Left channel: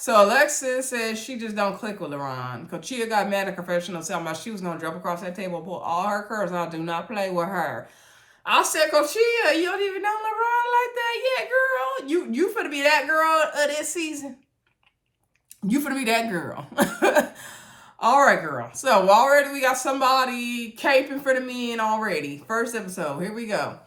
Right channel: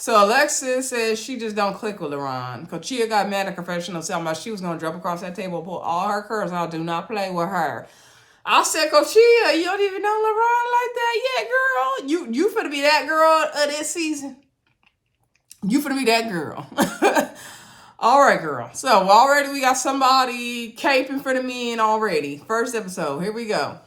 So Alexis says she just don't click with LaRon. Because Chia got mad at confessional talking about she was going to drop across that table and pull all her curls out. Do not play with her. I said, Coachia, you don't even know LaRon like that yet, girl. You finna be that girl of this season. You finna be that girl. All right, girl. So already we got somebody caping for the men already. First episode. Here we go.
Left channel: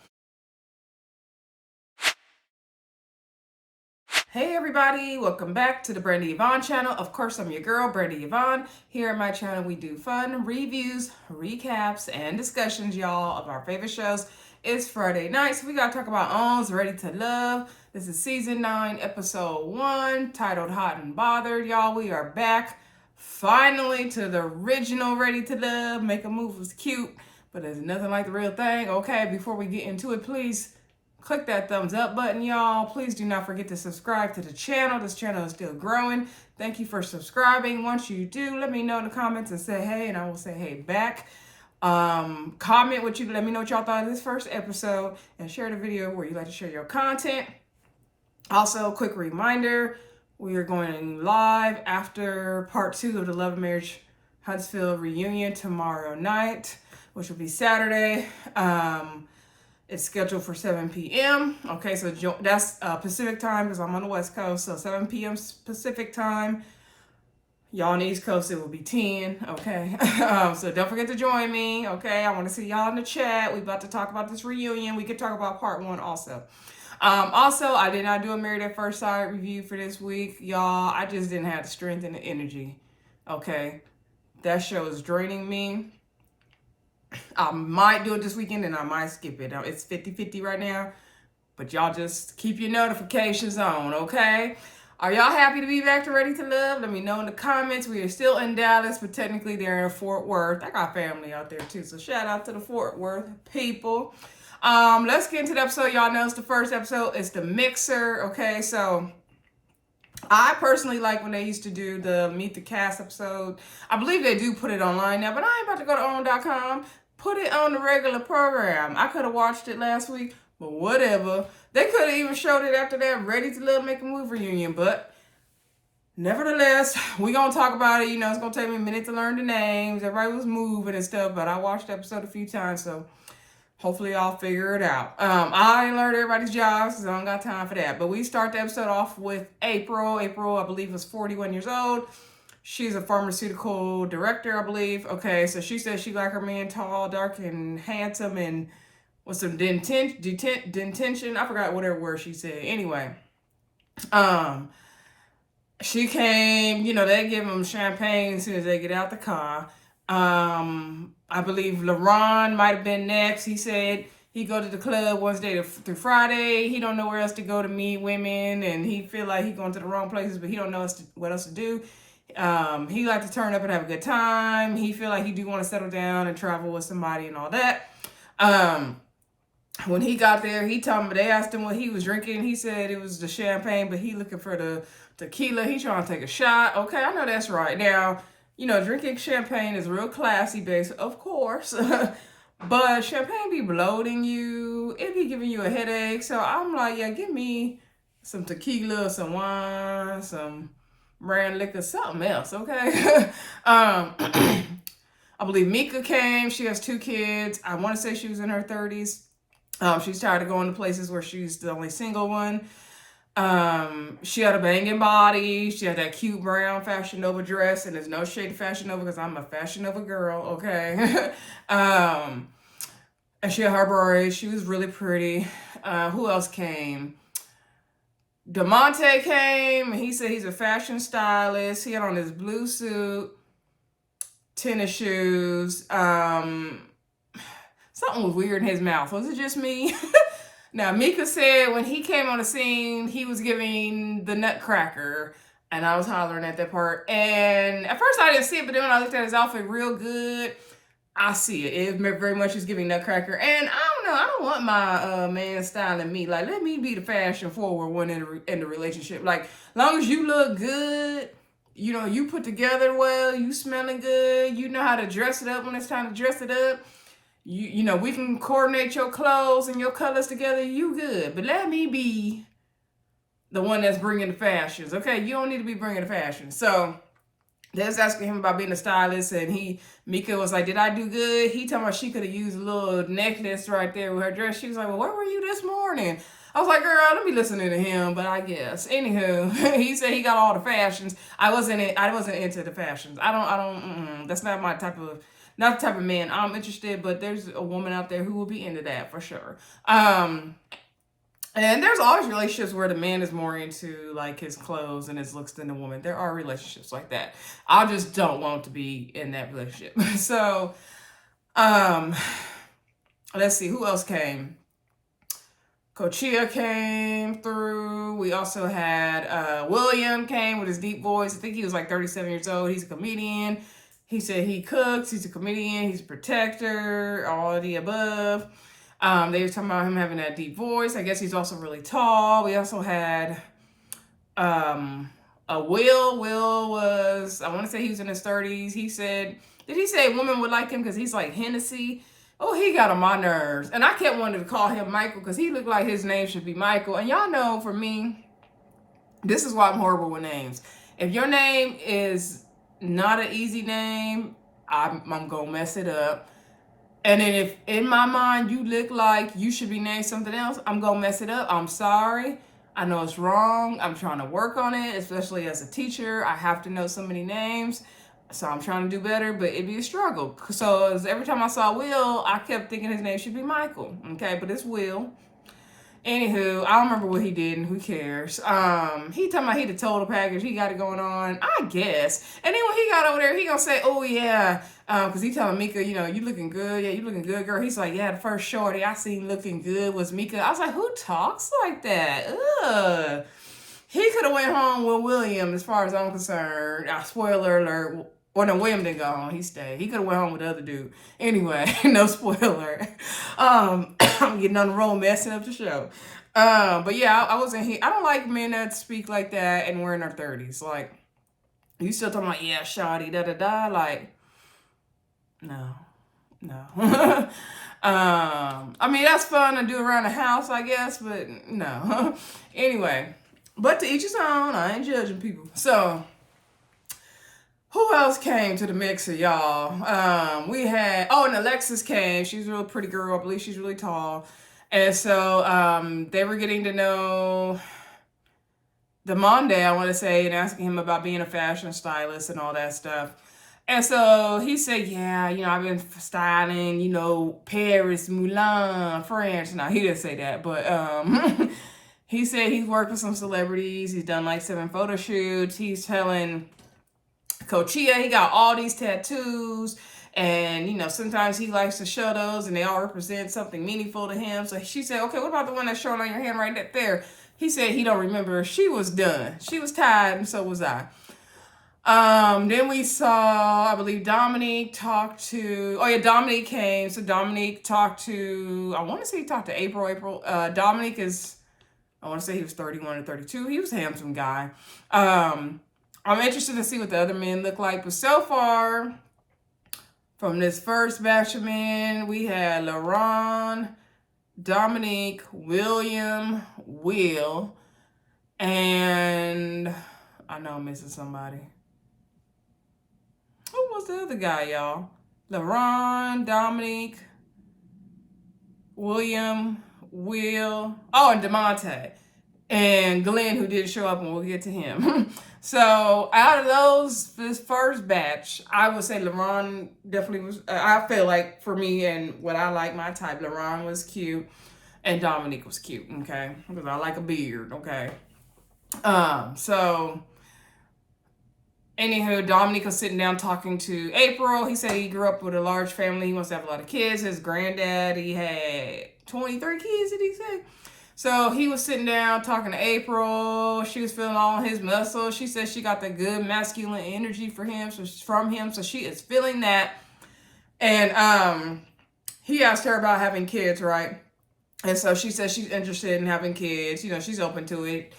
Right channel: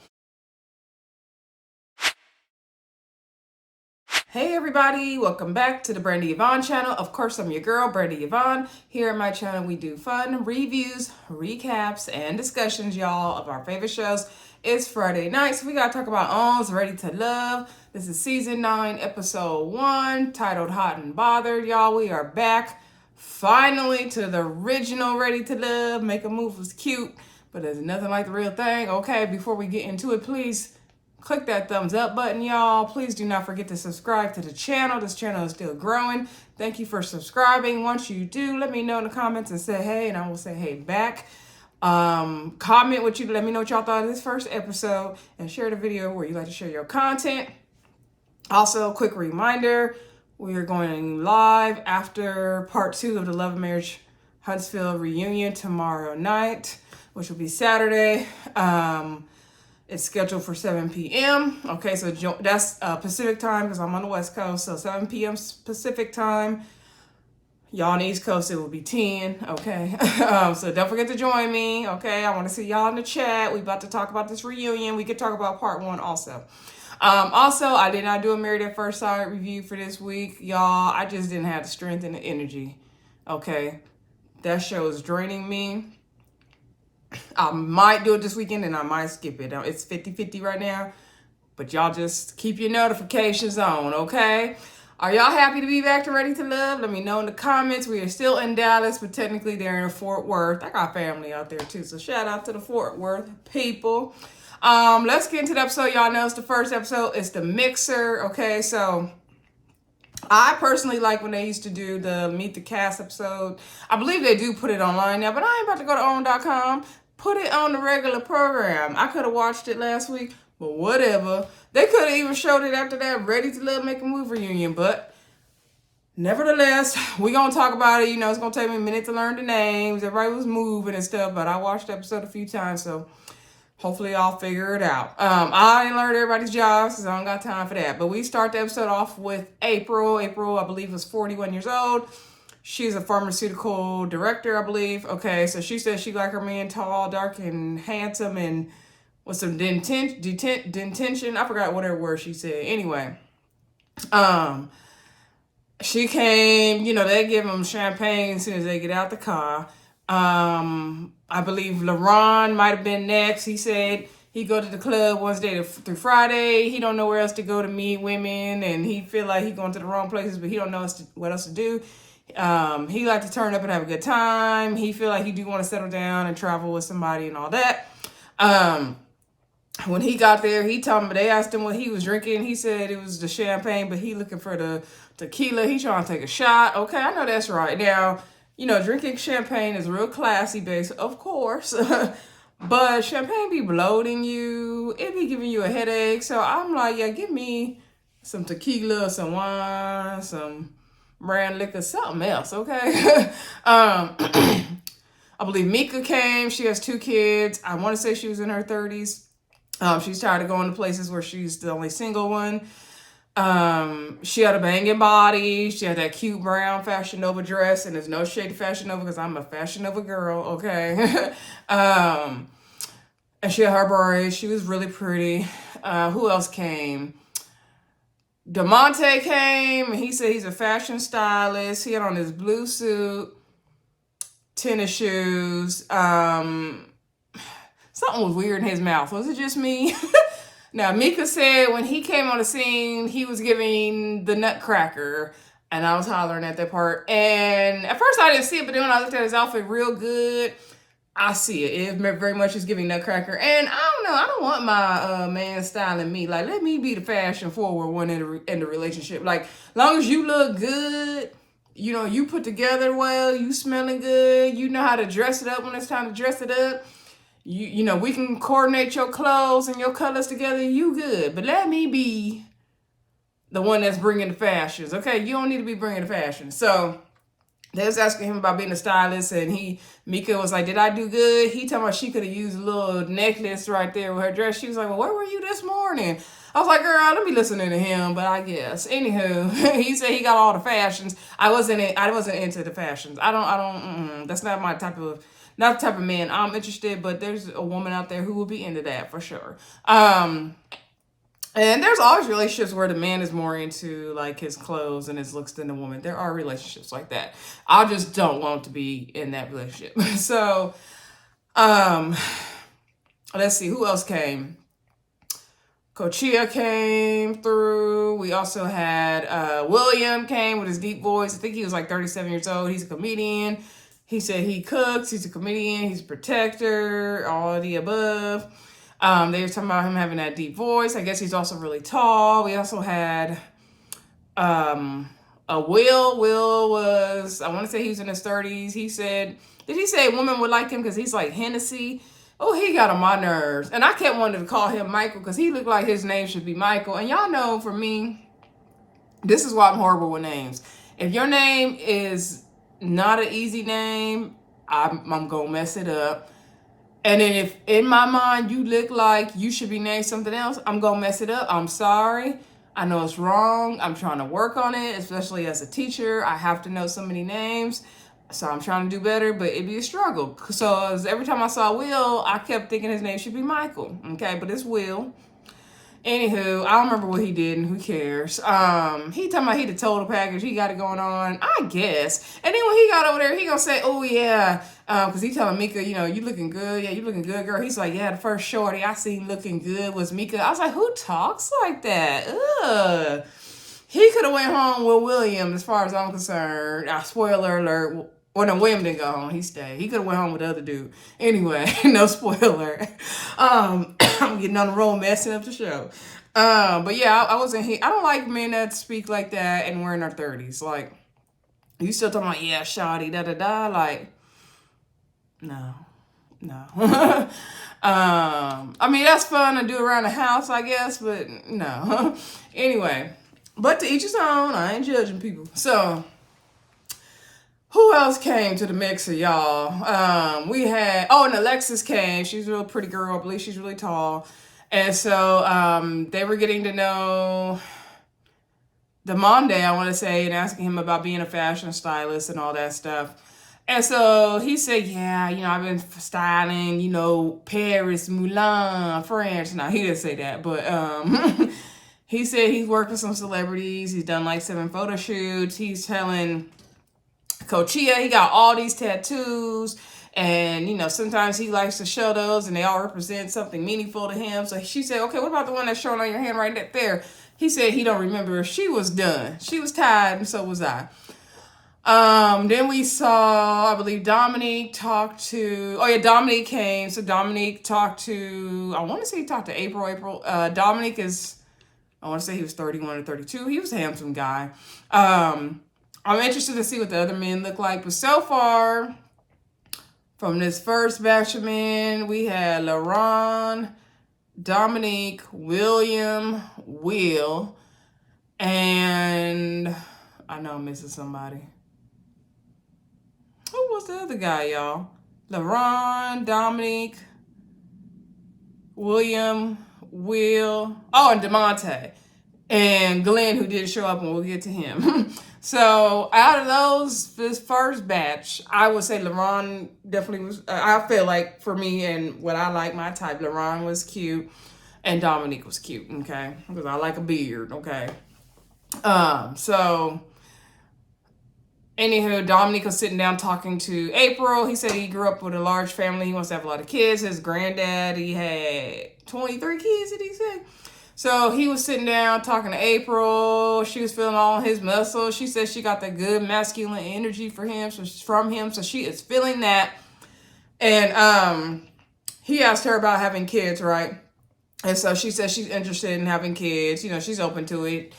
Hey everybody, welcome back to the Brandy Yvonne channel. Of course, I'm your girl, Brandy Yvonne. Here at my channel, we do fun reviews, recaps, and discussions, y'all, of our favorite shows. It's Friday night, so we gotta talk about OWN's Ready to Love. This is season 9, episode 1, titled Hot and Bothered, y'all. We are back finally to the original Ready to Love. Make a Move was cute, but there's nothing like the real thing. Okay, before we get into it, please click that thumbs up button, y'all. Please do not forget to subscribe to the channel. This channel is still growing. Thank you for subscribing. Once you do, let me know in the comments and say hey, and I will say hey back. Comment what you, let me know what y'all thought of this first episode, and share the video where you like to share your content. Also, quick reminder, we are going live after part 2 of the Love and Marriage Huntsville reunion tomorrow night, which will be Saturday. It's scheduled for 7 p.m. Okay, so that's Pacific time because I'm on the West Coast. So 7 p.m. Pacific time. Y'all on the East Coast, it will be 10. Okay, so don't forget to join me. Okay, I want to see y'all in the chat. We about to talk about this reunion. We could talk about part 1 also. Also, I did not do a Married at First Sight review for this week, y'all. I just didn't have the strength and the energy. Okay, that show is draining me. I might do it this weekend and I might skip it. It's 50-50 right now, but y'all just keep your notifications on, okay? Are y'all happy to be back to Ready to Love? Let me know in the comments. We are still in Dallas, but technically they're in Fort Worth. I got family out there too, so shout out to the Fort Worth people. Let's get into the episode. Y'all know it's the first episode. It's the mixer, okay? So I personally like when they used to do the Meet the Cast episode. I believe they do put it online now, but I ain't about to go to own.com. Put it on the regular program. I could have watched it last week, but whatever. They could have even showed it after that Ready to Love, Make a Move reunion, but nevertheless, we gonna talk about it. You know, it's gonna take me a minute to learn the names. Everybody was moving and stuff, but I watched the episode a few times, so hopefully I'll figure it out. I didn't learn everybody's jobs, so I don't got time for that. But we start the episode off with April. April, I believe, was 41 years old. She's a pharmaceutical director, I believe. Okay, so she says she like her man tall, dark, and handsome, and with some detention. I forgot whatever word she said. Anyway, she came, you know, they give them champagne as soon as they get out the car. I believe LaRon might have been next. He said he go to the club Wednesday through Friday. He don't know where else to go to meet women, and he feel like he going to the wrong places, but he don't know what else to do. He like to turn up and have a good time. He feel like he do want to settle down and travel with somebody and all that. When he got there, he told them, they asked him what he was drinking. He said it was the champagne, but he looking for the tequila. He trying to take a shot. Okay, I know that's right. Now, you know, drinking champagne is real classy based, of course. But champagne be bloating you. It be giving you a headache. So I'm like, yeah, give me some tequila, some wine, some brand liquor, something else, okay? I believe Mika came. She has 2 kids. I want to say she was in her 30s. She's tired of going to places where she's the only single one. She had a banging body. She had that cute brown Fashion Nova dress, and there's no shade of Fashion Nova because I'm a Fashion Nova girl, okay? And she had her braids. She was really pretty. Who else came? Demonte came, and he said he's a fashion stylist. He had on his blue suit, tennis shoes. Something was weird in his mouth. Was it just me? Now, Mika said when he came on the scene, he was giving the nutcracker, and I was hollering at that part. And at first I didn't see it, but then when I looked at his outfit real good, I see it. It very much is giving nutcracker. And I don't know. I don't want my man styling me. Like, let me be the fashion forward one in the relationship. Like, long as you look good, you know, you put together well, you smelling good, you know how to dress it up when it's time to dress it up. You know, we can coordinate your clothes and your colors together. You good. But let me be the one that's bringing the fashions. Okay, you don't need to be bringing the fashions. So they was asking him about being a stylist, and Mika was like, did I do good? He told me she could have used a little necklace right there with her dress. She was like, well, where were you this morning? I was like, girl, let me listening to him, but I guess. Anywho, he said he got all the fashions. I wasn't into the fashions. That's not my type of, not the type of man I'm interested, but there's a woman out there who will be into that for sure. And there's always relationships where the man is more into like his clothes and his looks than the woman. There are relationships like that. I just don't want to be in that relationship. So, let's see, who else came? Coachia came through. We also had William came with his deep voice. I think he was like 37 years old. He's a comedian. He said he cooks. He's a comedian. He's a protector. All of the above. They were talking about him having that deep voice. I guess he's also really tall. We also had a Will. Will was, I want to say he was in his 30s. He said, did he say a woman would like him because he's like Hennessy? Oh, he got on my nerves. And I kept wanting to call him Michael because he looked like his name should be Michael. And y'all know, for me, this is why I'm horrible with names. If your name is not an easy name, I'm going to mess it up. And if in my mind you look like you should be named something else, I'm going to mess it up. I'm sorry. I know it's wrong. I'm trying to work on it, especially as a teacher. I have to know so many names. So I'm trying to do better, but it'd be a struggle. So every time I saw Will, I kept thinking his name should be Michael. Okay, but it's Will. Anywho, I don't remember what he did, and who cares. He talking about he the total package. He got it going on, I guess. And then when he got over there, he gonna say, oh, yeah. Because he telling Mika, you know, you looking good. Yeah, you looking good, girl. He's like, yeah, the first shorty I seen looking good was Mika. I was like, who talks like that? Ugh. He could have went home with William, as far as I'm concerned. Spoiler alert. Well, no, William didn't go home. He stayed. He could have went home with the other dude. Anyway, no spoiler. I'm getting on the roll, messing up the show. But yeah, I wasn't here. I don't like men that speak like that and we're in our 30s. Like, you still talking about, yeah, shawty, da-da-da. Like, no. I mean, that's fun to do around the house, I guess, but no. Anyway, but to each his own. I ain't judging people. So, who else came to the mixer, y'all? We had, and Alexis came. She's a real pretty girl. I believe she's really tall. And so they were getting to know Demonte, I want to say, and asking him about being a fashion stylist and all that stuff. And so he said, yeah, you know, I've been styling, you know, Paris, Milan, France. Now, he didn't say that, but he said he's worked with some celebrities. He's done like 7 photo shoots. He's telling Coachia he got all these tattoos, and you know, sometimes he likes to show those and they all represent something meaningful to him. So she said, okay, what about the one that's showing on your hand right there? He said he don't remember. She was done. She was tired, and so was I. Then we saw, I believe Dominique talked to, Dominique came. So Dominique talked to, I want to say he talked to April. Dominique is, I want to say he was 31 or 32. He was a handsome guy. I'm interested to see what the other men look like. But so far, from this first batch of men, we had LaRon, Dominique, William, Will, and I know I'm missing somebody. Who was the other guy, y'all? LaRon, Dominique, William, Will, and Demonte. And Glenn, who didn't show up, and we'll get to him. So out of those, this first batch, I would say LaRon definitely was, I feel like for me and what I like, my type, LaRon was cute and Dominique was cute, okay? Because I like a beard, okay? So anywho, Dominique was sitting down talking to April. He said he grew up with a large family. He wants to have a lot of kids. His granddad, he had 23 kids, did he say? So he was sitting down talking to April. She was feeling all his muscles. She said she got the good masculine energy from him. So she is feeling that. And he asked her about having kids, right? And so she said she's interested in having kids. You know, she's open to it.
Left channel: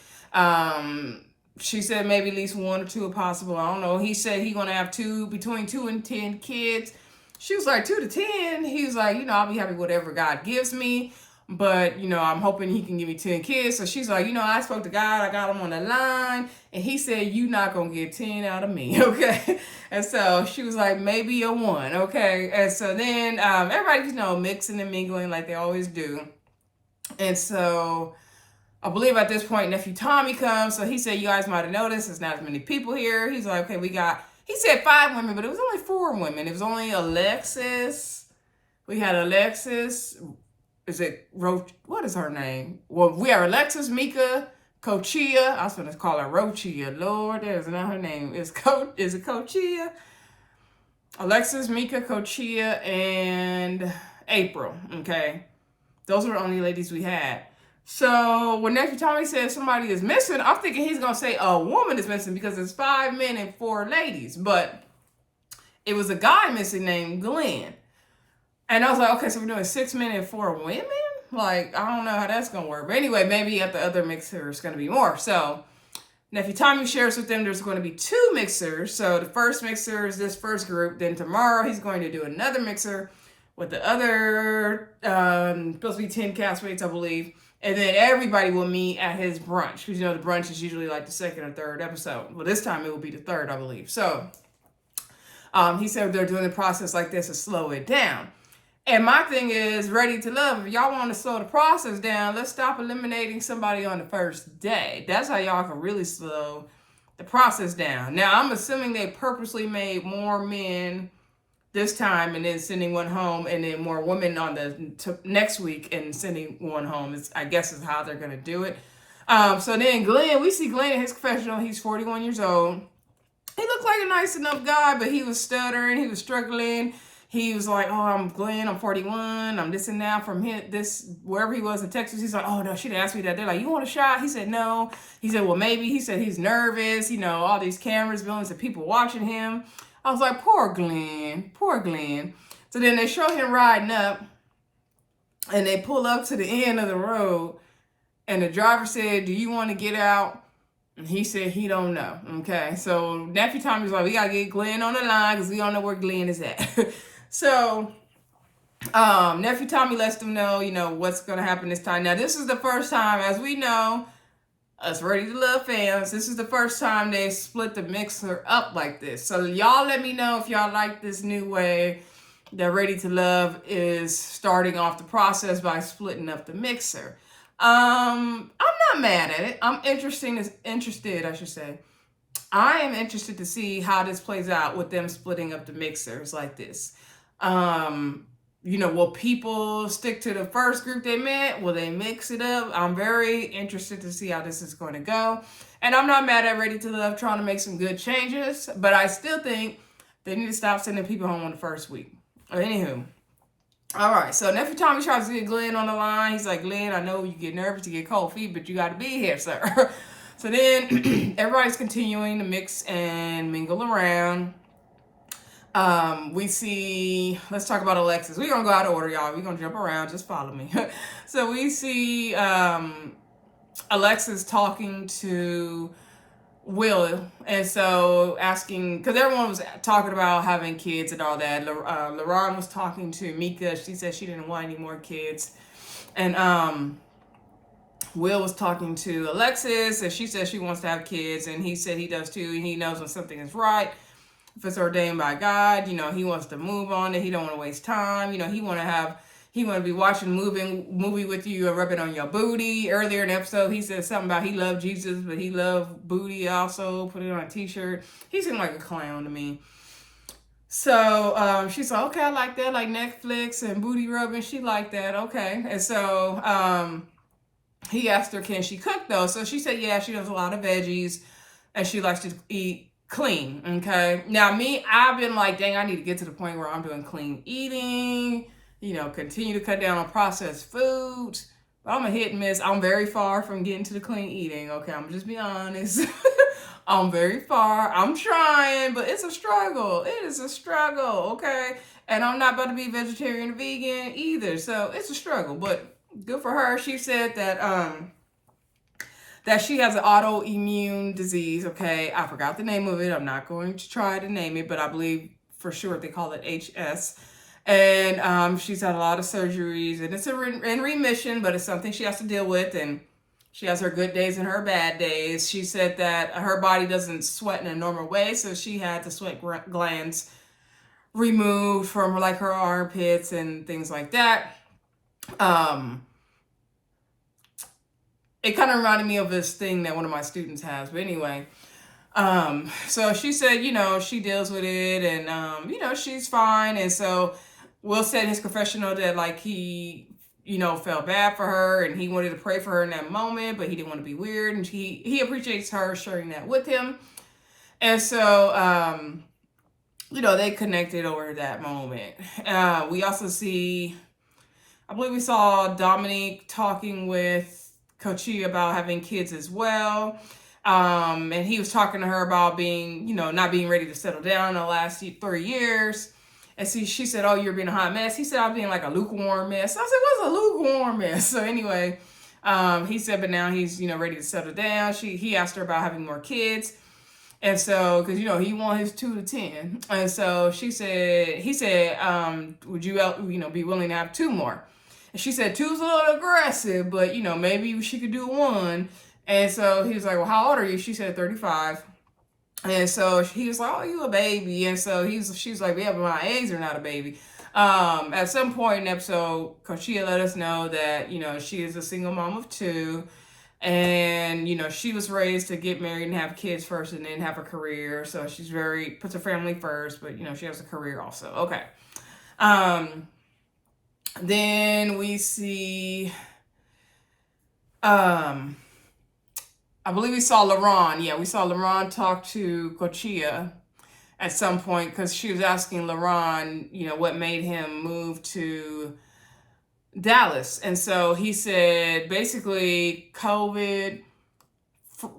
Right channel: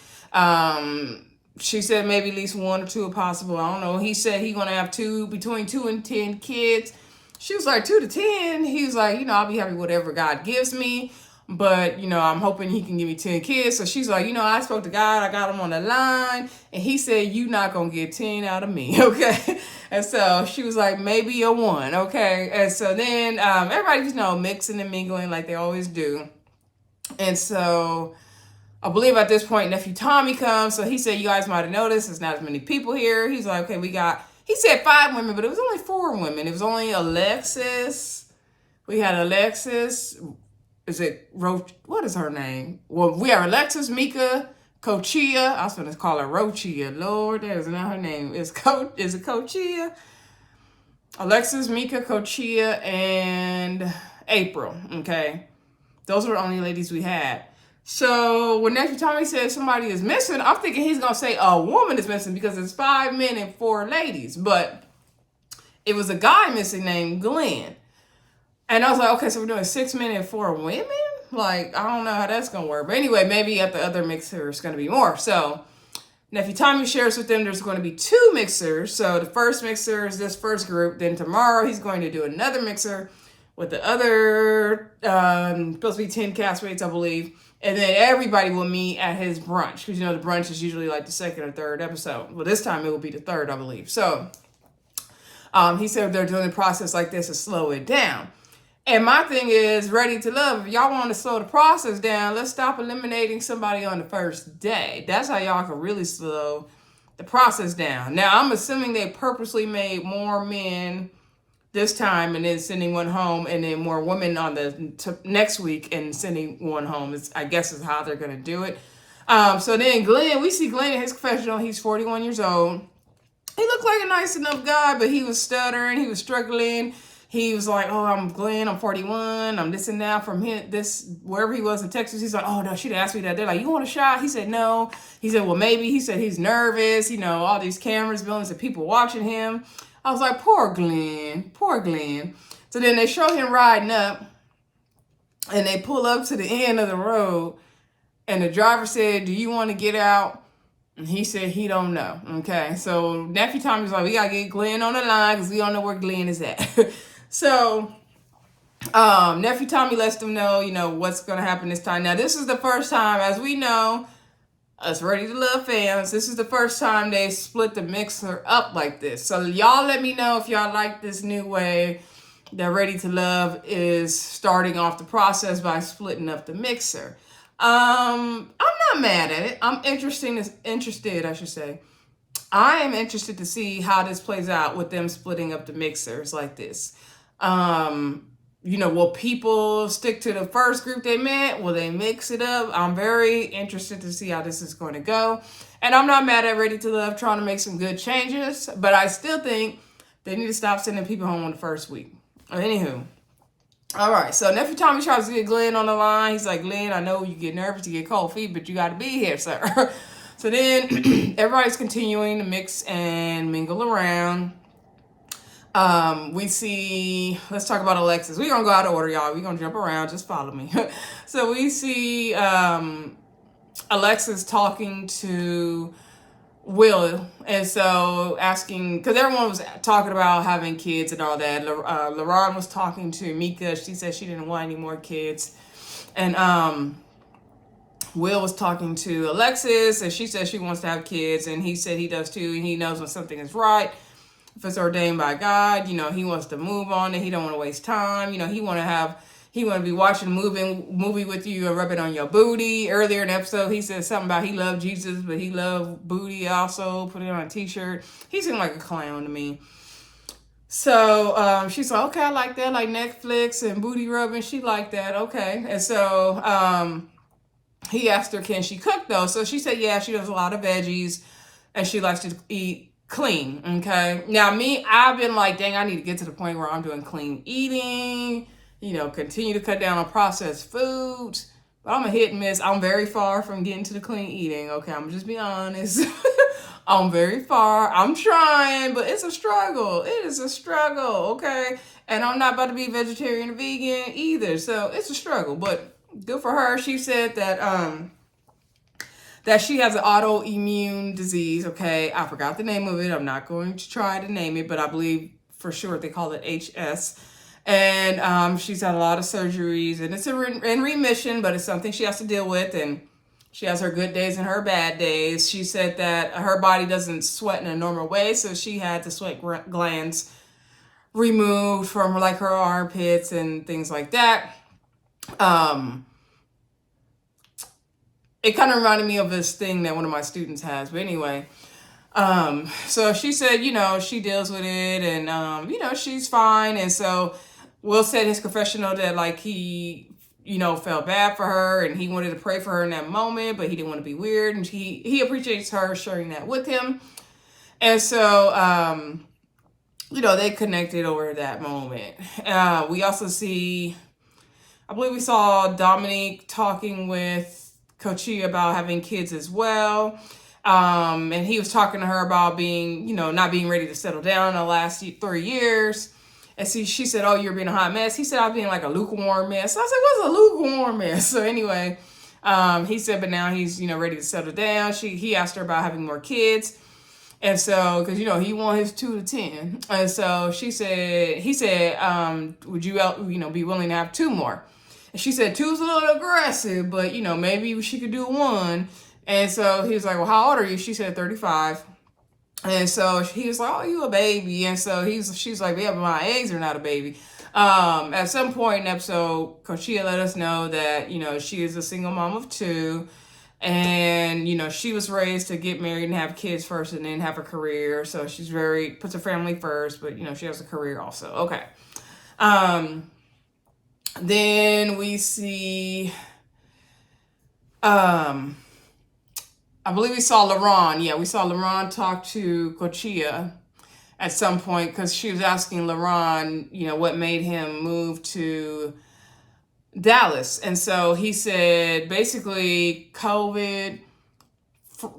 She said maybe at least 1 or 2 if possible. I don't know. He said he's going to have between 2 and 10 kids. She was like, 2 to 10? He was like, you know, I'll be happy with whatever God gives me. but, I'm hoping he can give me 10 kids. So she's like, I spoke to God, I got him on the line, and he said, you not going to get 10 out of me, okay? And so she was like, maybe a 1, okay? And so then everybody's, mixing and mingling like they always do. And so I believe at this point, Nephew Tommy comes. So he said, you guys might have noticed there's not as many people here. He's like, okay, he said 5 women, but it was only 4 women. It was only Alexis. We had Alexis. Is it Roach? What is her name? Well, we have Alexis, Mika, Cochia. I was going to call her Rochia. Lord, that is not her name. Is it Cochia? Alexis, Mika, Cochia, and April. Okay. Those were the only ladies we had. So when Nephew Tommy says somebody is missing, I'm thinking he's going to say a woman is missing because it's 5 men and 4 ladies. But it was a guy missing named Glenn. And I was like, okay, so we're doing 6 men and 4 women? Like, I don't know how that's going to work. But anyway, maybe at the other mixer it's going to be more. So Nephew Tommy shares with them there's going to be 2 mixers. So the first mixer is this first group. Then tomorrow he's going to do another mixer with the other, supposed to be 10 castmates, I believe. And then everybody will meet at his brunch. Because, the brunch is usually like the 2nd or 3rd episode. Well, this time it will be the 3rd, I believe. So he said they're doing the process like this to slow it down. And my thing is, Ready to Love, if y'all want to slow the process down, let's stop eliminating somebody on the first day. That's how y'all can really slow the process down. Now, I'm assuming they purposely made more men this time and then sending one home, and then more women on the next week and sending one home. I guess is how they're going to do it. So then Glenn, we see Glenn in his confessional. He's 41 years old. He looked like a nice enough guy, but he was stuttering. He was struggling. He was like, oh, I'm Glenn. I'm 41. I'm this and that from wherever he was in Texas. He's like, oh, no, she'd asked me that. They're like, you want a shot? He said, no. He said, well, maybe. He said he's nervous. All these cameras, millions of people watching him. I was like, poor Glenn. Poor Glenn. So then they show him riding up, and they pull up to the end of the road, and the driver said, do you want to get out? And he said he don't know. Okay, so Nephew Tommy's like, we got to get Glenn on the line because we don't know where Glenn is at. So Nephew Tommy lets them know, what's going to happen this time. Now, this is the first time, as we know, us Ready to Love fans, this is the first time they split the mixer up like this. So y'all let me know if y'all like this new way that Ready to Love is starting off the process by splitting up the mixer. I'm not mad at it. I'm interested, I should say. I am interested to see how this plays out with them splitting up the mixers like this. Will people stick to the first group they met? Will they mix it up? I'm very interested to see how this is going to go. And I'm not mad at Ready to Love trying to make some good changes, but I still think they need to stop sending people home on the first week. Anywho. All right, so Nephew Tommy tries to get Glenn on the line. He's like, Glenn, I know you get nervous, you get cold feet, but you got to be here, sir. So then everybody's continuing to mix and mingle around. We see, let's talk about Alexis. We're going to go out of order, y'all. We're going to jump around. Just follow me. So we see Alexis talking to Will, and so asking, because everyone was talking about having kids and all that. LaRon was talking to Mika. She said she didn't want any more kids. And Will was talking to Alexis, and she said she wants to have kids, and he said he does too. And he knows when something is right. If it's ordained by God, he wants to move on it. He don't want to waste time. He want to be watching a movie with you and rub it on your booty. Earlier in the episode, he said something about he loved Jesus, but he loved booty also. Put it on a t-shirt. He seemed like a clown to me. So she's like, okay, I like that. Like Netflix and booty rubbing. She liked that. Okay. And so he asked her, can she cook though? So she said, yeah, she does a lot of veggies and she likes to eat clean. Okay. Now I've been like, dang, I need to get to the point where I'm doing clean eating, continue to cut down on processed foods. But I'm a hit and miss. I'm very far from getting to the clean eating. Okay. I'm just be honest. I'm very far. I'm trying, but it's a struggle. It is a struggle. Okay. And I'm not about to be vegetarian or vegan either. So it's a struggle, but good for her. She said that she has an autoimmune disease. Okay, I forgot the name of it. I'm not going to try to name it, but I believe for sure they call it HS. And she's had a lot of surgeries, and it's in remission, but it's something she has to deal with. And she has her good days and her bad days. She said that her body doesn't sweat in a normal way, so she had the sweat glands removed from like her armpits and things like that. It kind of reminded me of this thing that one of my students has, but anyway. So she said, she deals with it, and she's fine. And so Will said in his confessional that like he, felt bad for her and he wanted to pray for her in that moment, but he didn't want to be weird, and he appreciates her sharing that with him. And so they connected over that moment. We also see, I believe we saw Dominique talking with Coachia about having kids as well. And he was talking to her about being, not being ready to settle down in the last 3 years. And she said, "Oh, you're being a hot mess." He said, "I'm being like a lukewarm mess." So I said, "What's a lukewarm mess?" So anyway, he said, but now he's, ready to settle down. He asked her about having more kids. And so, because, he won his 2 to 10. And so he said, would you, be willing to have 2 more? And she said 2's a little aggressive, but, maybe she could do 1. And so he was like, "Well, how old are you?" She said 35. And so he was like, "Oh, you a baby." And so she's like, "Yeah, but my eggs are not a baby." At some point in the episode, Coachia let us know that, she is a single mom of 2. And, she was raised to get married and have kids first and then have a career. So she's puts her family first, but, she has a career also. Okay. Then we see, I believe we saw LaRon. Yeah, we saw LaRon talk to Coachia at some point because she was asking LaRon, what made him move to Dallas. And so he said basically COVID,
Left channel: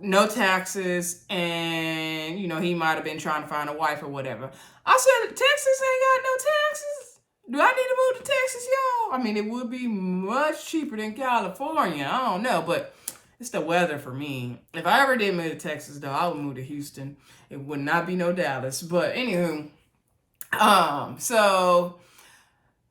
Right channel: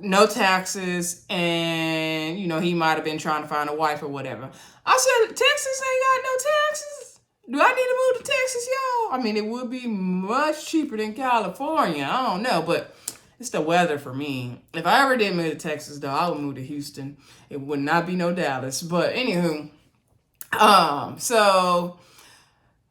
no taxes, and, he might have been trying to find a wife or whatever. I said, Texas ain't got no taxes? Do I need to move to Texas, y'all? I mean, it would be much cheaper than California. I don't know, but it's the weather for me. If I ever did move to Texas, though, I would move to Houston. It would not be no Dallas. But anywho, so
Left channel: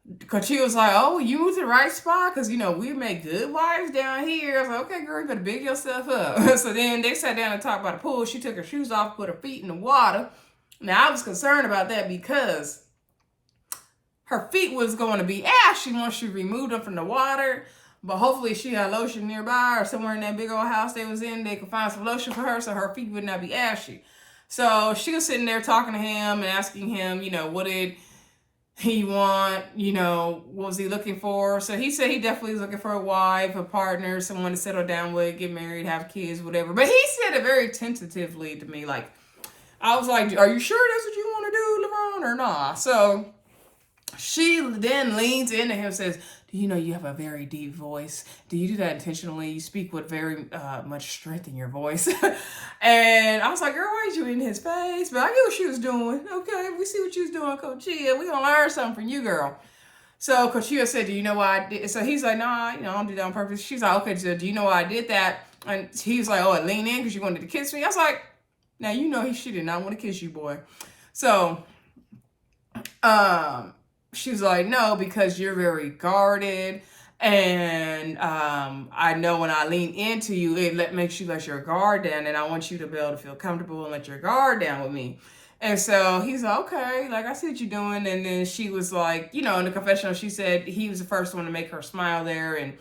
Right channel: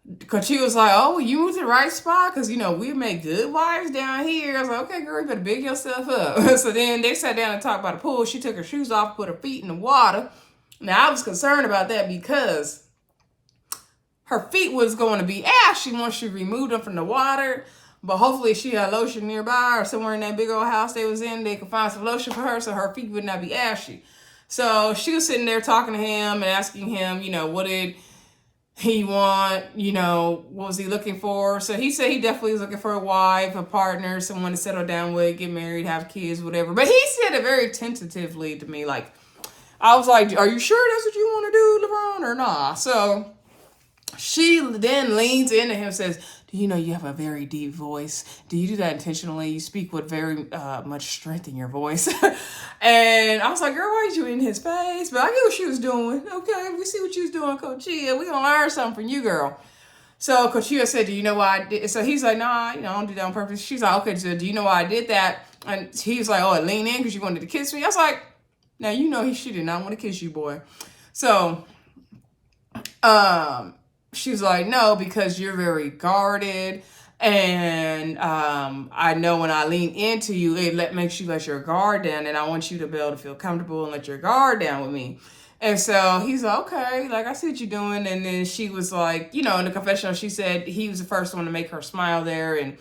Coachia was like, "Oh, you moved to the right spot because, we make good wives down here." I was like, "Okay, girl, you better big yourself up." So then they sat down and talked about the pool. She took her shoes off, put her feet in the water. Now, I was concerned about that because her feet was going to be ashy once she removed them from the water. But hopefully she had lotion nearby or somewhere in that big old house they was in. They could find some lotion for her so her feet would not be ashy. So she was sitting there talking to him and asking him, what did he want, what was he looking for? So he said he definitely was looking for a wife, a partner, someone to settle down with, get married, have kids, whatever. But he said it very tentatively to me. Like, I was like, "Are you sure that's what you want to do, LeBron, or not?" So she then leans into him and says, "Do you know you have a very deep voice? Do you do that intentionally? You speak with very much strength in your voice." And I was like, "Girl, why are you in his face?" But I get what she was doing. Okay, we see what you was doing, Coachia. We gonna learn something from you, girl. So Coachia said, "Do you know why I did?" So he's like, "Nah, I don't do that on purpose." She's like, "Okay, so do you know why I did that?" And he's like, "Oh, I lean in because you wanted to kiss me." I was like, "Now she did not want to kiss you, boy." So, she was like, "No, because you're very guarded. And I know when I lean into you, it makes you let your guard down. And I want you to be able to feel comfortable and let your guard down with me." And so he's like, "Okay, like, I see what you're doing." And then she was like, in the confessional, she said he was the first one to make her smile there. And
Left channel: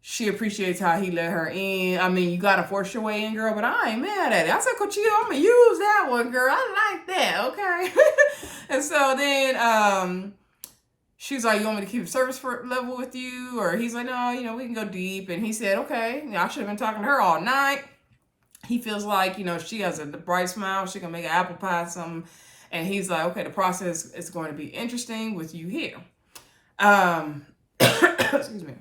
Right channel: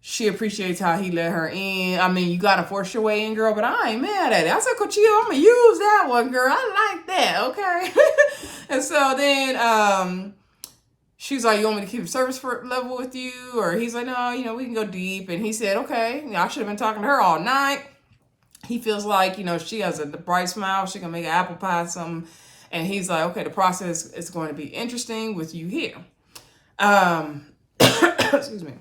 she appreciates how he let her in. I mean, you got to force your way in, girl, but I ain't mad at it. I said, "Coachia, I'm going to use that one, girl. I like that, okay?" And so then she's like, "You want me to keep a service level with you?" Or he's like, "No, we can go deep." And he said, "Okay, I should have been talking to her all night." He feels like, she has a bright smile. She can make an apple pie or something. And he's like, "Okay, the process is going to be interesting with you here." Excuse me.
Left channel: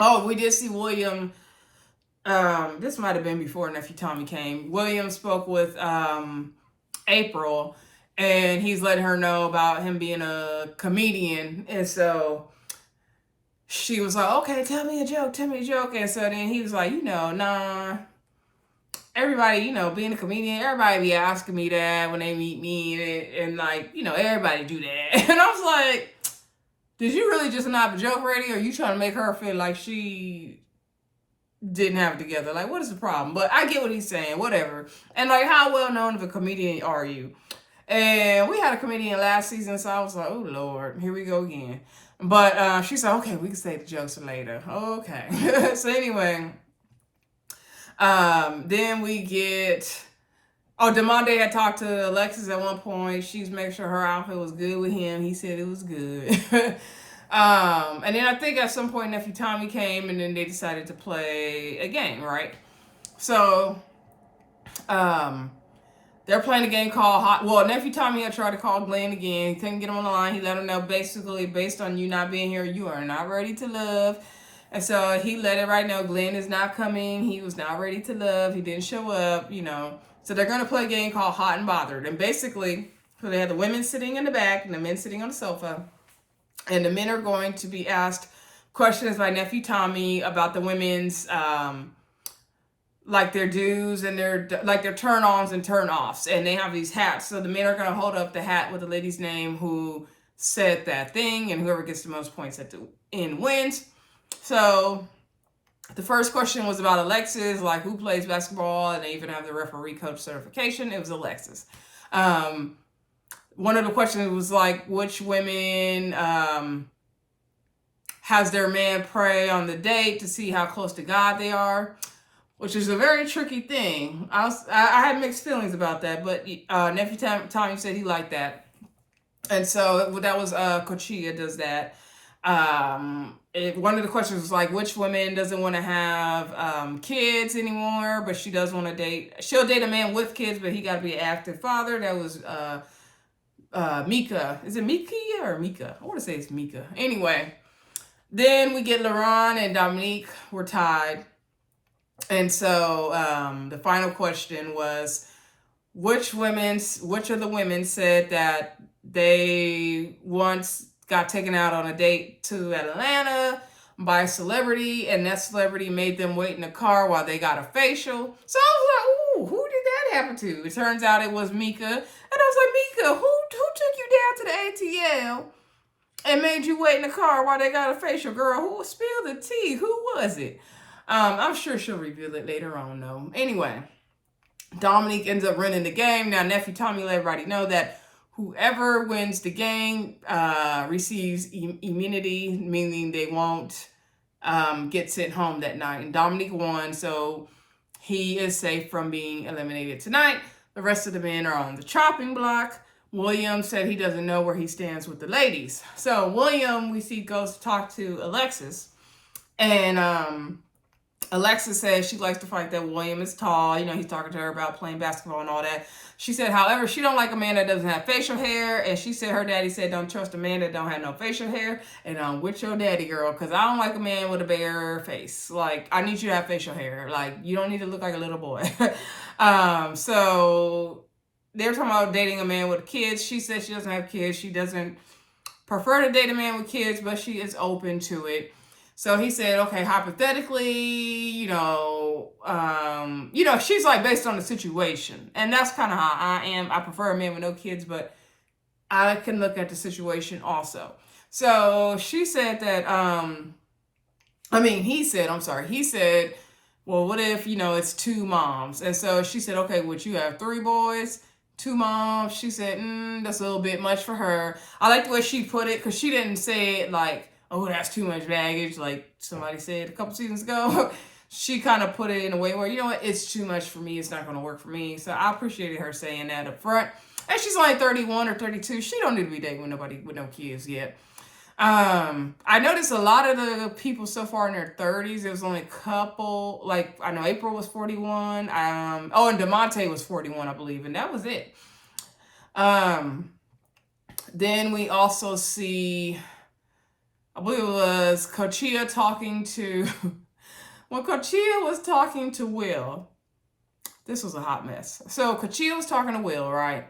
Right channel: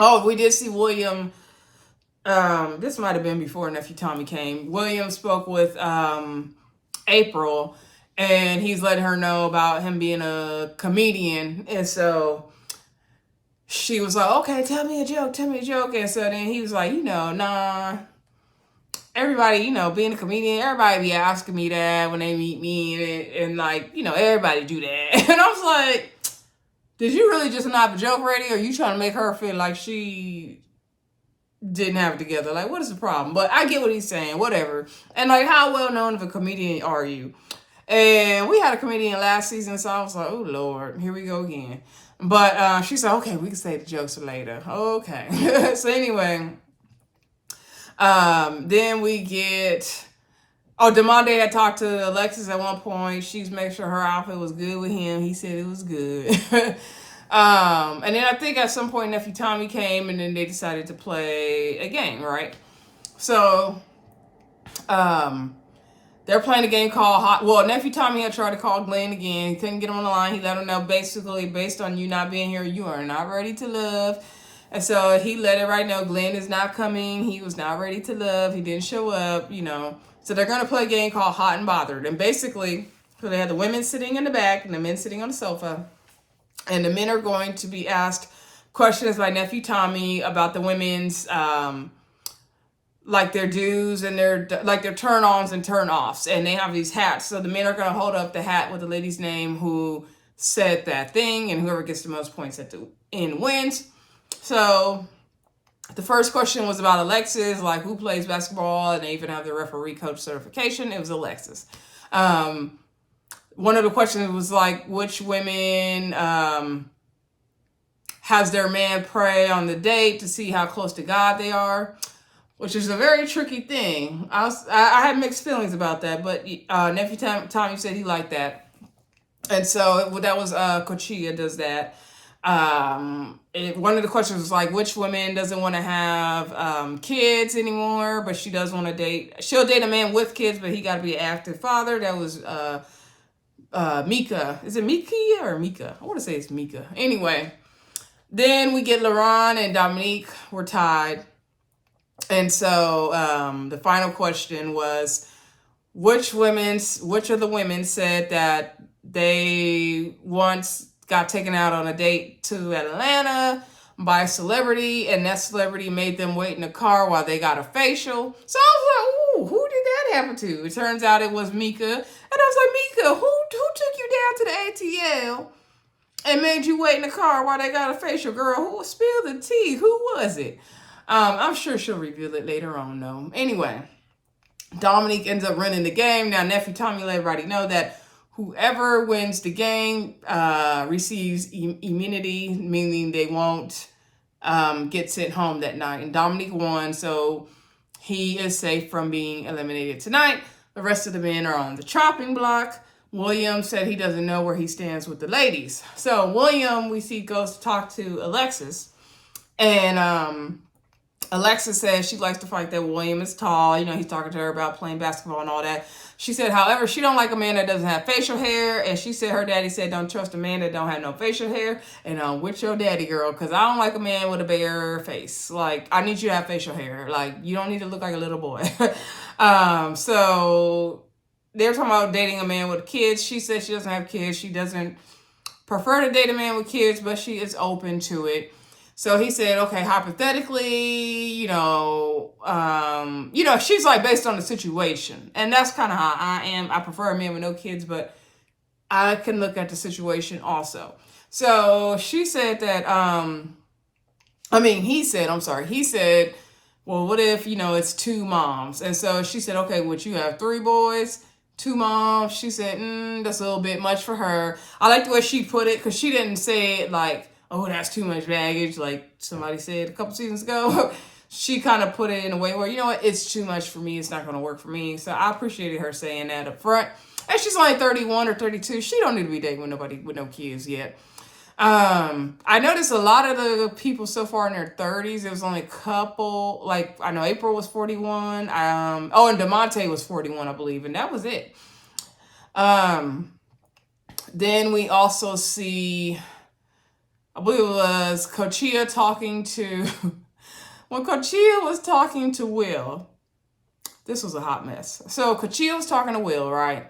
Oh, we did see William. This might have been before Nephew Tommy came. William spoke with April, and he's letting her know about him being a comedian. And so she was like, "Okay, tell me a joke. And so then he was like, "Nah." everybody, being a comedian, everybody be asking me that when they meet me, and like, everybody do that. And I was like, did you really just not have a joke ready, or are you trying to make her feel like she didn't have it together? Like, what is the problem? But I get what he's saying, whatever. And like, how well known of a comedian are you? And we had a comedian last season, so I was like, oh Lord, here we go again. But she said, okay, we can say the jokes later. Okay. So anyway, then we get, Demonte had talked to Alexis at one point. She's making sure her outfit was good with him. He said it was good. And then I think at some point Nephew Tommy came, and then they decided to play a game, right? So, they're playing a game called Nephew Tommy had tried to call Glenn again. He couldn't get him on the line. He let him know, basically, based on you not being here, you are not ready to love. And so he let it right know, Glenn is not coming. He was not ready to love. He didn't show up, So they're going to play a game called Hot and Bothered. And basically, so they have the women sitting in the back and the men sitting on the sofa. And the men are going to be asked questions by Nephew Tommy about the women's, like their do's and their turn-ons and turn-offs. And they have these hats. So the men are going to hold up the hat with the lady's name who said that thing. And whoever gets the most points at the end wins. So the first question was about Alexis, like who plays basketball, and they even have the referee coach certification. It was Alexis. One of the questions was like, which women has their man pray on the date to see how close to God they are, which is a very tricky thing. I had mixed feelings about that, but Nephew Tommy said he liked that. And so that was Cochia does that. One of the questions was like, which woman doesn't want to have kids anymore, but she does want to date. She'll date a man with kids, but he got to be an active father. That was Mika. Is it Mika or Mika? I want to say it's Mika. Anyway, then we get Laurent and Dominique were tied. And so the final question was, which of the women said that they once got taken out on a date to Atlanta by a celebrity, and that celebrity made them wait in the car while they got a facial. So I was like, ooh, who did that happen to? It turns out it was Mika. And I was like, Mika, who took you down to the ATL and made you wait in the car while they got a facial? Girl, who spilled the tea? Who was it? I'm sure she'll reveal it later on, though. Anyway, Dominique ends up running the game. Now, Nephew Tommy let everybody know that whoever wins the game receives immunity, meaning they won't get sent home that night. And Dominique won, so he is safe from being eliminated tonight. The rest of the men are on the chopping block. William said he doesn't know where he stands with the ladies. So William, we see, goes to talk to Alexis. And Alexis says she likes the fact that William is tall. He's talking to her about playing basketball and all that. She said, however, she don't like a man that doesn't have facial hair. And she said her daddy said, don't trust a man that don't have no facial hair. And I'm with your daddy, girl, because I don't like a man with a bare face. Like, I need you to have facial hair. Like, you don't need to look like a little boy. So they're talking about dating a man with kids. She said she doesn't have kids. She doesn't prefer to date a man with kids, but she is open to it. So he said, okay, hypothetically, she's like based on the situation. And that's kind of how I am. I prefer a man with no kids, but I can look at the situation also. So she said that, he said, well, what if, it's two moms? And so she said, okay, would you have three boys, two moms? She said, that's a little bit much for her. I like the way she put it, because she didn't say it like, oh, that's too much baggage, like somebody said a couple seasons ago. She kind of put it in a way where, it's too much for me. It's not going to work for me. So I appreciated her saying that up front. And she's only 31 or 32. She don't need to be dating with nobody with no kids yet. I noticed a lot of the people so far in their 30s. There was only a couple. Like, I know April was 41. And Demonte was 41, I believe. And that was it. Then we also see, I believe it was Cochia talking to, when Cochia was talking to Will, this was a hot mess. So Cochia was talking to Will, right?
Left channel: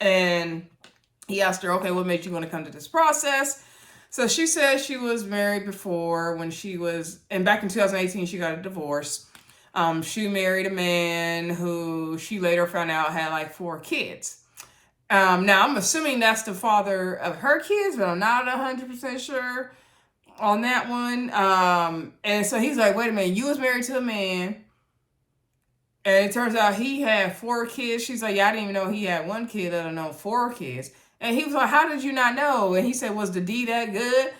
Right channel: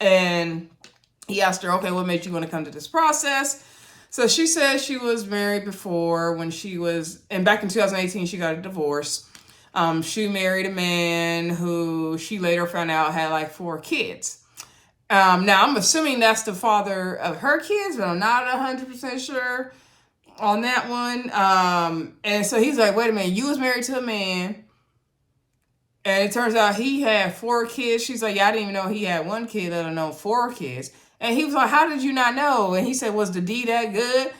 And he asked her, okay, what made you want to come to this process? So she said she was married before when she was, and back in 2018, she got a divorce. She married a man who she later found out had like 4 kids. Now I'm assuming that's the father of her kids, but I'm not 100% sure on that one. And so he's like, wait a minute, you was married to a man, and it turns out he had 4 kids. She's like, yeah, I didn't even know he had 1 kid, let alone 4 kids. And he was like, how did you not know? And he said, was the D that good?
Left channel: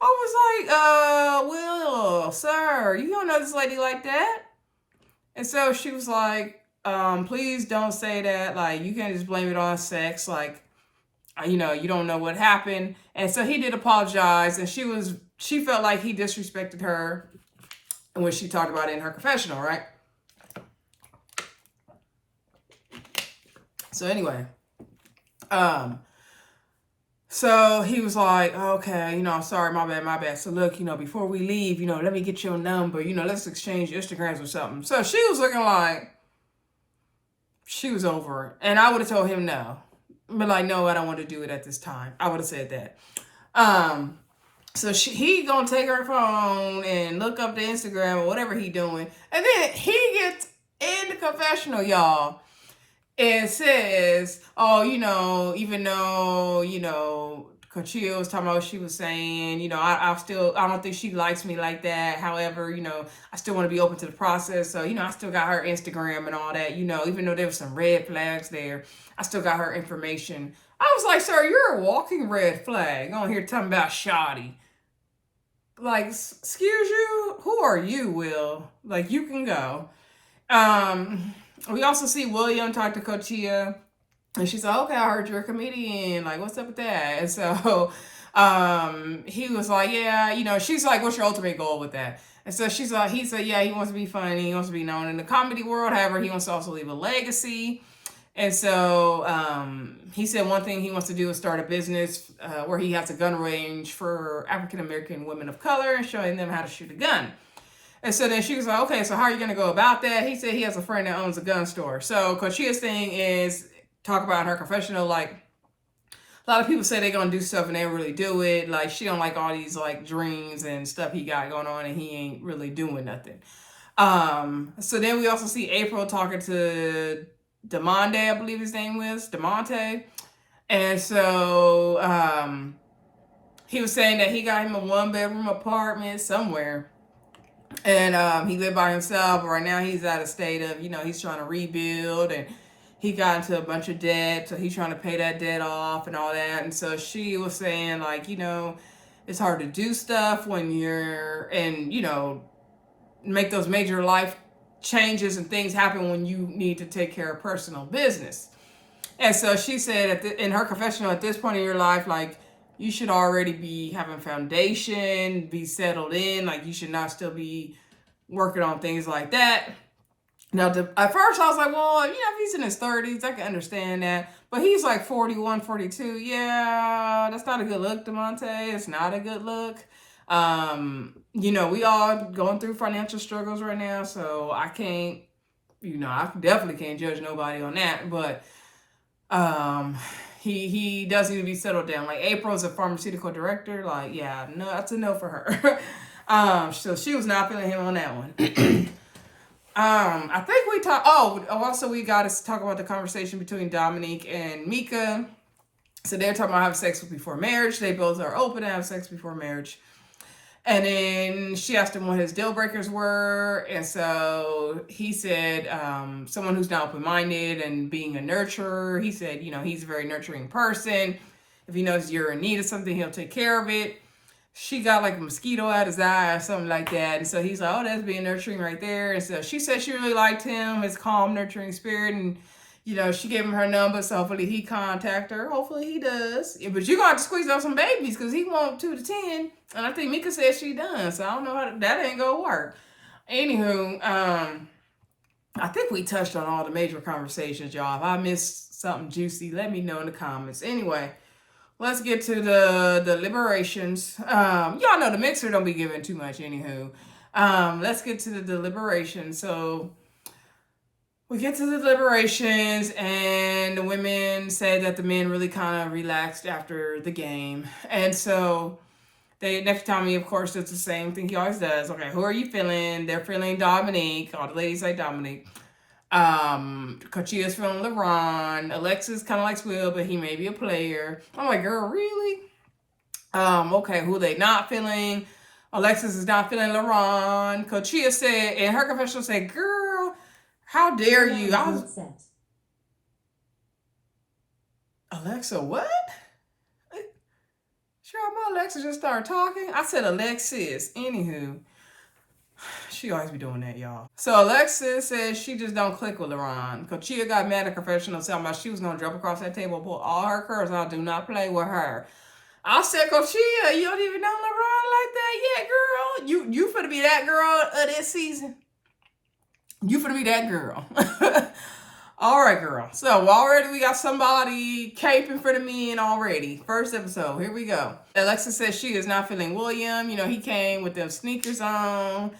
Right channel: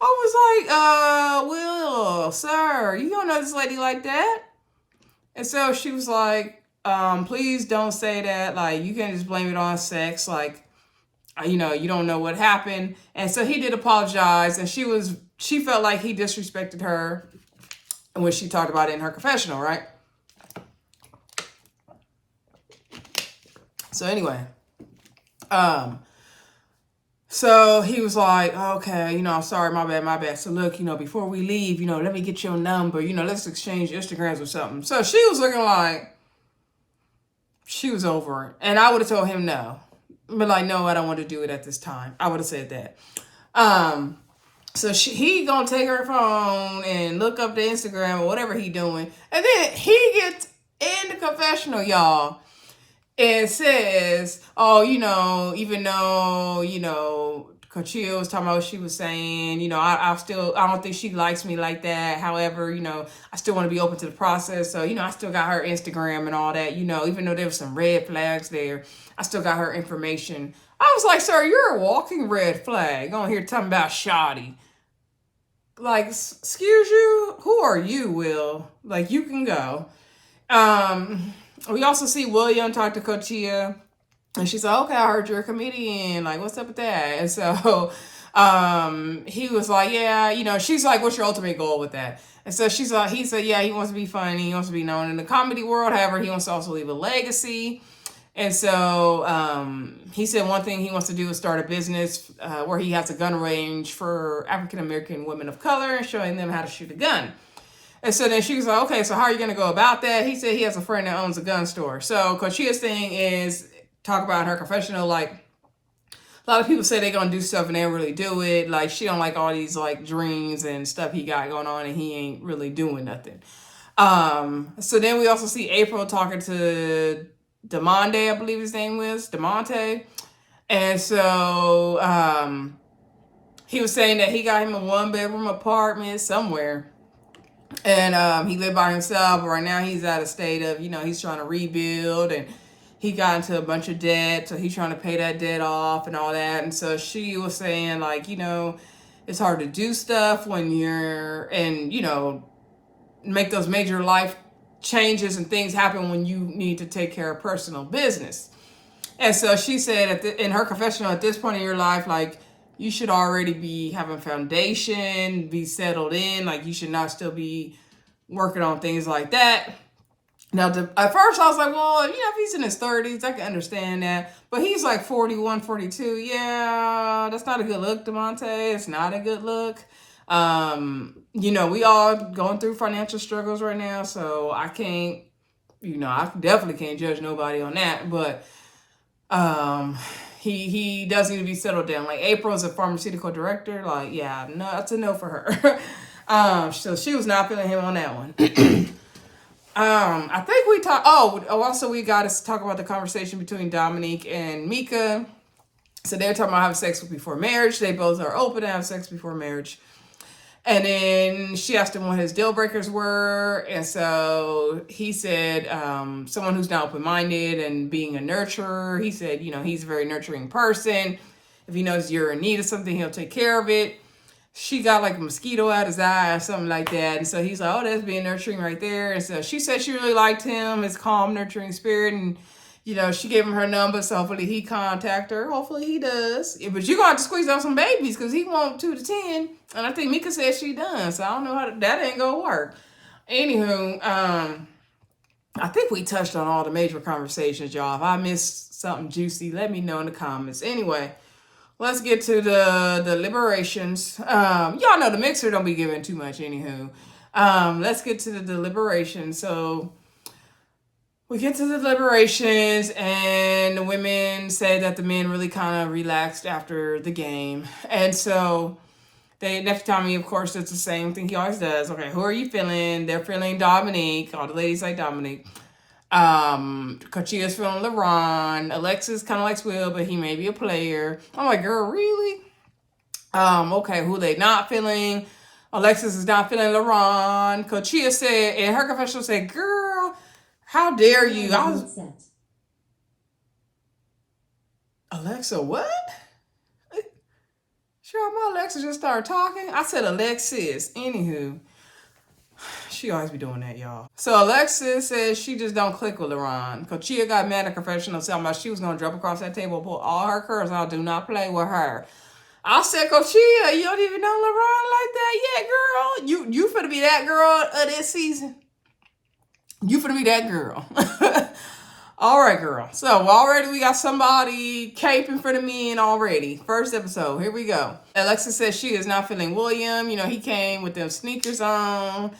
I was like, Will, sir, you don't know this lady like that. And so she was like, please don't say that. Like, you can't just blame it on sex. Like, you don't know what happened. And so he did apologize, and she felt like he disrespected her when she talked about it in her confessional, right? So anyway, so he was like, okay, I'm sorry, my bad. So look, before we leave, let me get your number, let's exchange Instagrams or something. So she was looking like she was over it. And I would have told him no. But like, no, I don't want to do it at this time. I would have said that. So he gonna take her phone and look up the Instagram or whatever he doing. And then he gets in the confessional, y'all, and says, oh, even though, Conchia was talking about what she was saying, I don't think she likes me like that. However, I still want to be open to the process. So, I still got her Instagram and all that, even though there was some red flags there, I still got her information. I was like, sir, you're a walking red flag on here talking about shoddy. Like, excuse you? Who are you, Will? Like, you can go. We also see William talk to Coachia, and she's like, okay, I heard you're a comedian. Like, what's up with that? And so he was like, yeah, she's like, what's your ultimate goal with that? And so he said, yeah, he wants to be funny. He wants to be known in the comedy world. However, he wants to also leave a legacy. And so he said one thing he wants to do is start a business where he has a gun range for African-American women of color and showing them how to shoot a gun. And so then she was like, okay, so how are you going to go about that? He said he has a friend that owns a gun store. So Conchia's thing is talk about her confessional. Like, a lot of people say they're going to do stuff and they don't really do it. Like, she don't like all these like dreams and stuff he got going on, and he ain't really doing nothing. So then we also see April talking to Demonte, I believe his name was, Demonte. And so he was saying that he got him a 1-bedroom apartment somewhere. And he lived by himself, but right now he's at a state of, he's trying to rebuild, and he got into a bunch of debt, so he's trying to pay that debt off and all that. And so she was saying, like, it's hard to do stuff when you're, and, make those major life changes and things happen when you need to take care of personal business. And so she said in her confessional, at this point in your life, like, you should already be having foundation, be settled in. Like, you should not still be working on things like that. Now, at first I was like, well, if he's in his 30s, I can understand that. But he's like 41, 42. Yeah, that's not a good look, Demonte. It's not a good look. We all going through financial struggles right now. So I can't, I definitely can't judge nobody on that. But he does need to be settled down. Like, April's a pharmaceutical director. Like, yeah, no, that's a no for her. So she was not feeling him on that one. I think we talked. Also we got to talk about the conversation between Dominique and Mika. So they're talking about having sex before marriage. They both are open to have sex before marriage. And then she asked him what his deal breakers were. And so he said, someone who's not open-minded and being a nurturer. He said, he's a very nurturing person. If he knows you're in need of something, he'll take care of it. She got like a mosquito out his eye or something like that. And so he's like, oh, that's being nurturing right there. And so she said she really liked him, his calm, nurturing spirit. And, she gave him her number. So hopefully he contact her. Hopefully he does. Yeah, but you're going to have to squeeze out some babies because he wants 2 to 10. And I think Mika said she done. So I don't know how that ain't going to work. Anywho, I think we touched on all the major conversations, y'all. If I missed something juicy, let me know in the comments. Anyway, let's get to the deliberations. Y'all know the mixer don't be giving too much, anywho. Let's get to the deliberations. So we get to the deliberations, and the women said that the men really kind of relaxed after the game. And so Nephew Tommy, of course, does the same thing he always does. Okay, who are you feeling? They're feeling Dominique. All the ladies like Dominique. Cochia's feeling LeBron. Alexis kind of likes Will, but he may be a player. I'm like, girl, really? Okay, who they not feeling? Alexis is not feeling LeBron. Cochia said, in her confessional, said, girl, how dare you? I was... Alexa, what? Sure, my Alexa just started talking. I said Alexis. Anywho, she always be doing that, y'all. So Alexis says she just don't click with LeBron. Cochia got mad at confessional, talking about she was going to jump across that table and pull all her curls out. Do not play with her. I said, Cochia, you don't even know LeBron like that yet, girl. You finna be that girl of this season. You finna be that girl. All right, girl. So already we got somebody caping for the men already. First episode. Here we go. Alexa says she is not feeling William. You know, he came with them sneakers on.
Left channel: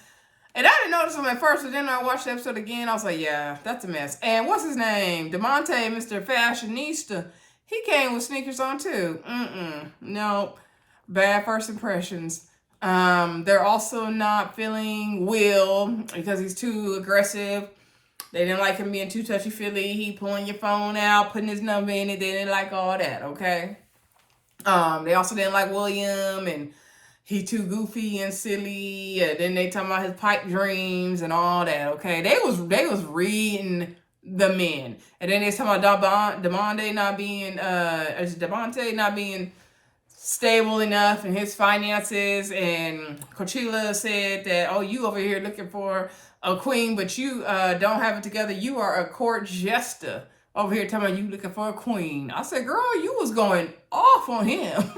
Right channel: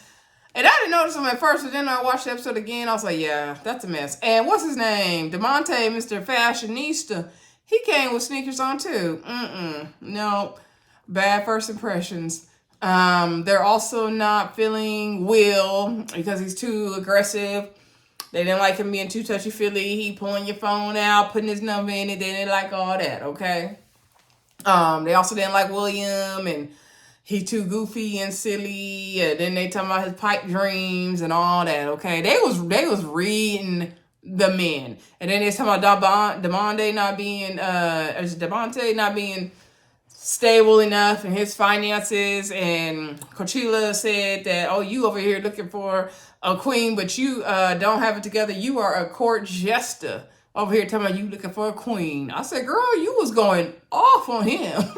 And I didn't notice him at first, but then I watched the episode again. I was like, yeah, that's a mess. And what's his name? Demonte, Mr. Fashionista. He came with sneakers on too. No. Bad first impressions. They're also not feeling Will because he's too aggressive. They didn't like him being too touchy-feely. He pulling your phone out, putting his number in it. They didn't like all that, okay? They also didn't like William, and he too goofy and silly. And then they talking about his pipe dreams and all that, okay? They was reading the men. And then they talking about Demonte not being, Demonte not being stable enough in his finances. And Coachella said that, oh, you over here looking for a queen, but you don't have it together. You are a court jester over here talking about you looking for a queen. I said, girl, you was going off on him.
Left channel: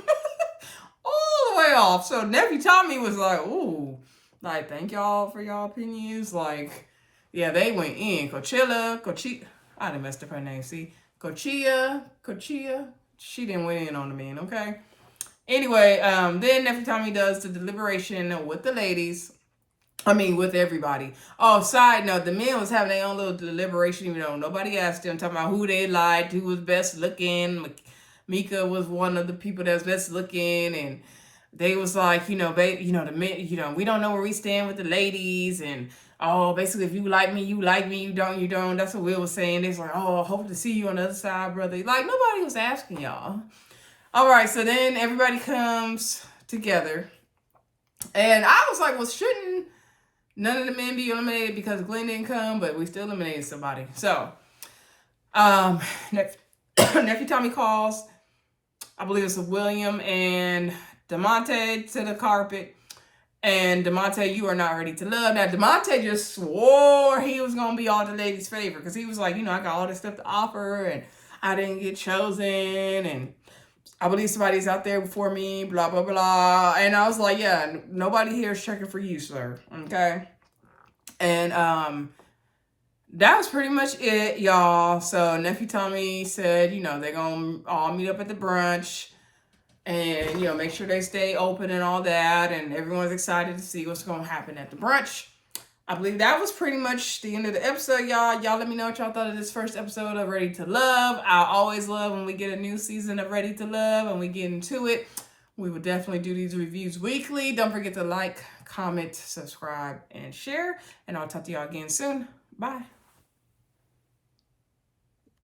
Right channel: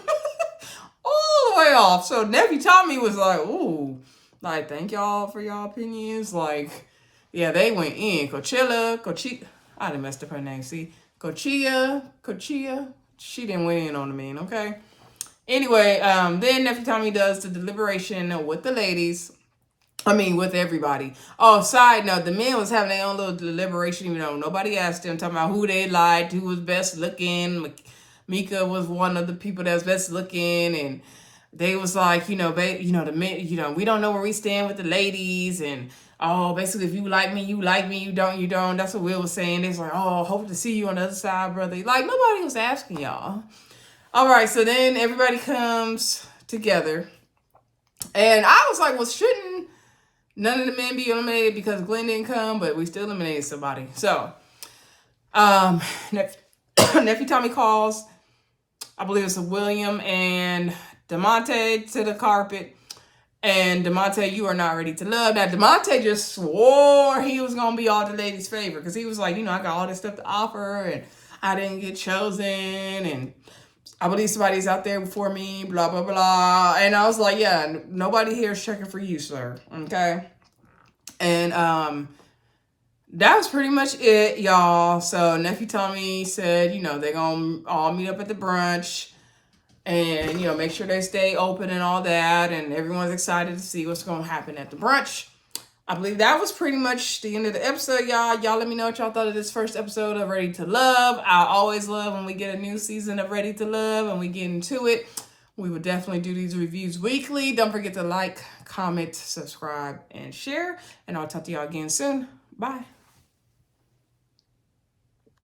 All the way off. So Nephew Tommy was like, ooh, like, thank y'all for y'all opinions. Like, yeah, they went in. Coachella, I done messed up her name. See, Coachia, she didn't went in on the men, okay? Anyway, then Nephew Tommy does the deliberation with the ladies. With everybody. Oh, side note, the men was having their own little deliberation, even though nobody asked them, talking about who they liked, who was best looking. Mika was one of the people that was best looking, and they was like, the men, we don't know where we stand with the ladies, and oh, basically, if you like me, you like me, you don't. That's what Will was saying. They was like, oh, hope to see you on the other side, brother. Like, nobody was asking y'all. All right, so then everybody comes together, and I was like, well, shouldn't none of the men be eliminated because Glenn didn't come, but we still eliminated somebody. So, Nephew Tommy calls, I believe it's William and Demonte to the carpet. And Demonte, you are not ready to love. Now, Demonte just swore he was going to be all the ladies' favorite because he was like, I got all this stuff to offer and I didn't get chosen. And I believe somebody's out there before me, blah, blah, blah. And I was like, yeah, nobody here is checking for you, sir. Okay. And that was pretty much it, y'all. So Nephew Tommy said, they're going to all meet up at the brunch and, make sure they stay open and all that. And everyone's excited to see what's going to happen at the brunch. I believe that was pretty much the end of the episode, y'all. Y'all let me know what y'all thought of this first episode of Ready to Love. I always love when we get a new season of Ready to Love and we get into it. We will definitely do these reviews weekly. Don't forget to like, comment, subscribe, and share. And I'll talk to y'all again soon. Bye.